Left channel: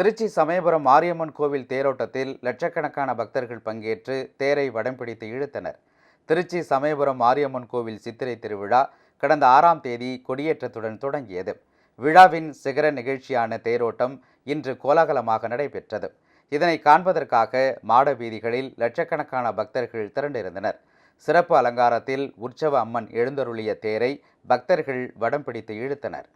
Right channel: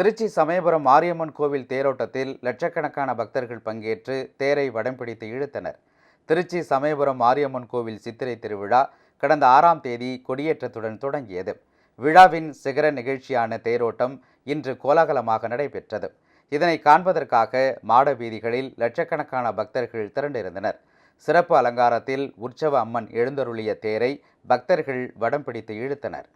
திருச்சி சமயபுரம் மாரியம்மன் கோவில் தேரோட்டத்தில் லட்சக்கணக்கான பக்தர்கள் பங்கேற்று தேரை வடம் பிடித்து இழுத்தனர். திருச்சி சமயபுரம் மாரியம்மன் கோவில் சித்திரை திருவிழா கடந்த 6ஆம் தேதி கொடியேற்றத்துடன் தொடங்கியது. விழாவின் சிகர நிகழ்ச்சியான தேரோட்டம் இன்று கோலாகலமாக நடைபெற்றது. இதனை காண்பதற்காக மாட வீதிகளில் லட்சக்கணக்கான பக்தர்கள் திரண்டிருந்தனர். சிறப்பு அலங்காரத்தில் உற்சவ அம்மன் எழுந்தருளிய தேரை பக்தர்கள் வடம் பிடித்து இழுத்தனர்.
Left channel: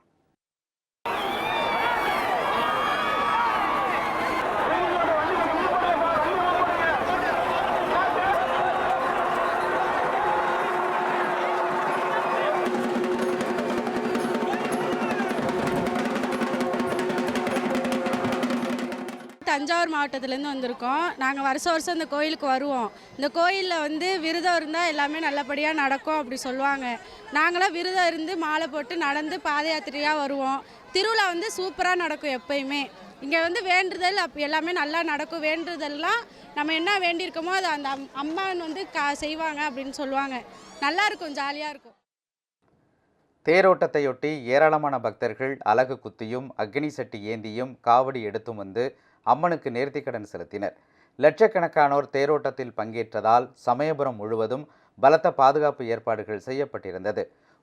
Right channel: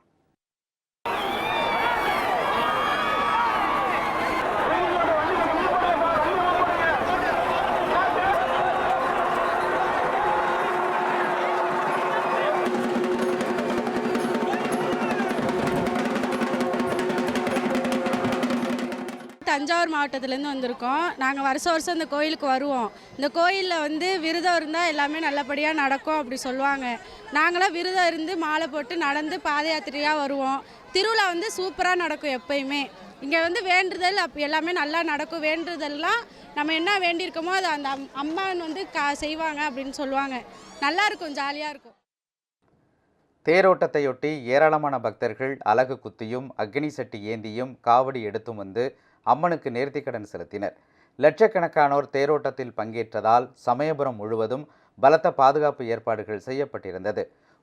தஞ்சாவூர் மாவட்டத்திலேருந்து வந்திருக்கோம். நாங்கள் வருஷம் இந்த கோயிலுக்கு வருவோம். இந்த கோயிலில் விரதம் இருந்தால் எல்லாமே நல்லபடியாக நடக்கும் அப்படி சொல்லுவாங்க. நாங்களாம் விரதம் இருந்து மாலை போட்டு நடந்து பாத யாத்திரையாக வருவோம். திருவிழா சூப்பராக நடக்கும். எப்பயுமே இங்கே வேண்டுதல் எல்லாமே நல்லா நடக்கும். வேண்டுதல்லாம் நம்ம என்ன வேண்டியிருக்கோமோ அதை அந்த அம்மான் செய்வாங்க அப்படின்னு சொல்லுவாங்க. நல்லா இருக்கும், ஜாலியாக இருக்கும். தேரோட்டத்தையொட்டி ஏராளமான பக்தர்கள் அலகு குத்தியும் அக்னி சட்டி ஏந்தியும் காவடி எடுத்தும் வந்து அம்மனுக்கு நேர்த்திக்கடன் செலுத்தினர். லட்சக்கணக்கானோர் தேரோட்டத்தில் பங்கேற்றதால் சமயபுரம் முழுவதும் பலத்த பாதுகாப்பு ஏற்பாடுகள் செய்யப்பட்டிருந்தது.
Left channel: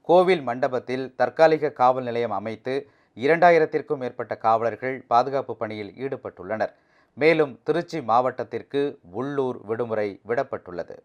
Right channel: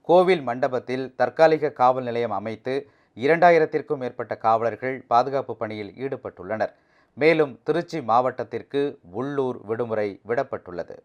கோவில் மண்டபத்தில் தற்காலிக காவல் நிலையம் அமைத்து 2000த்திற்கும் மேற்பட்ட காவலர்கள் பாதுகாப்பு பணியில் ஈடுபட்டுள்ளனர். மேலும் திருச்சி மாவட்டத்திற்கு உள்ளூர் விடுமுறை விடப்பட்டுள்ளது.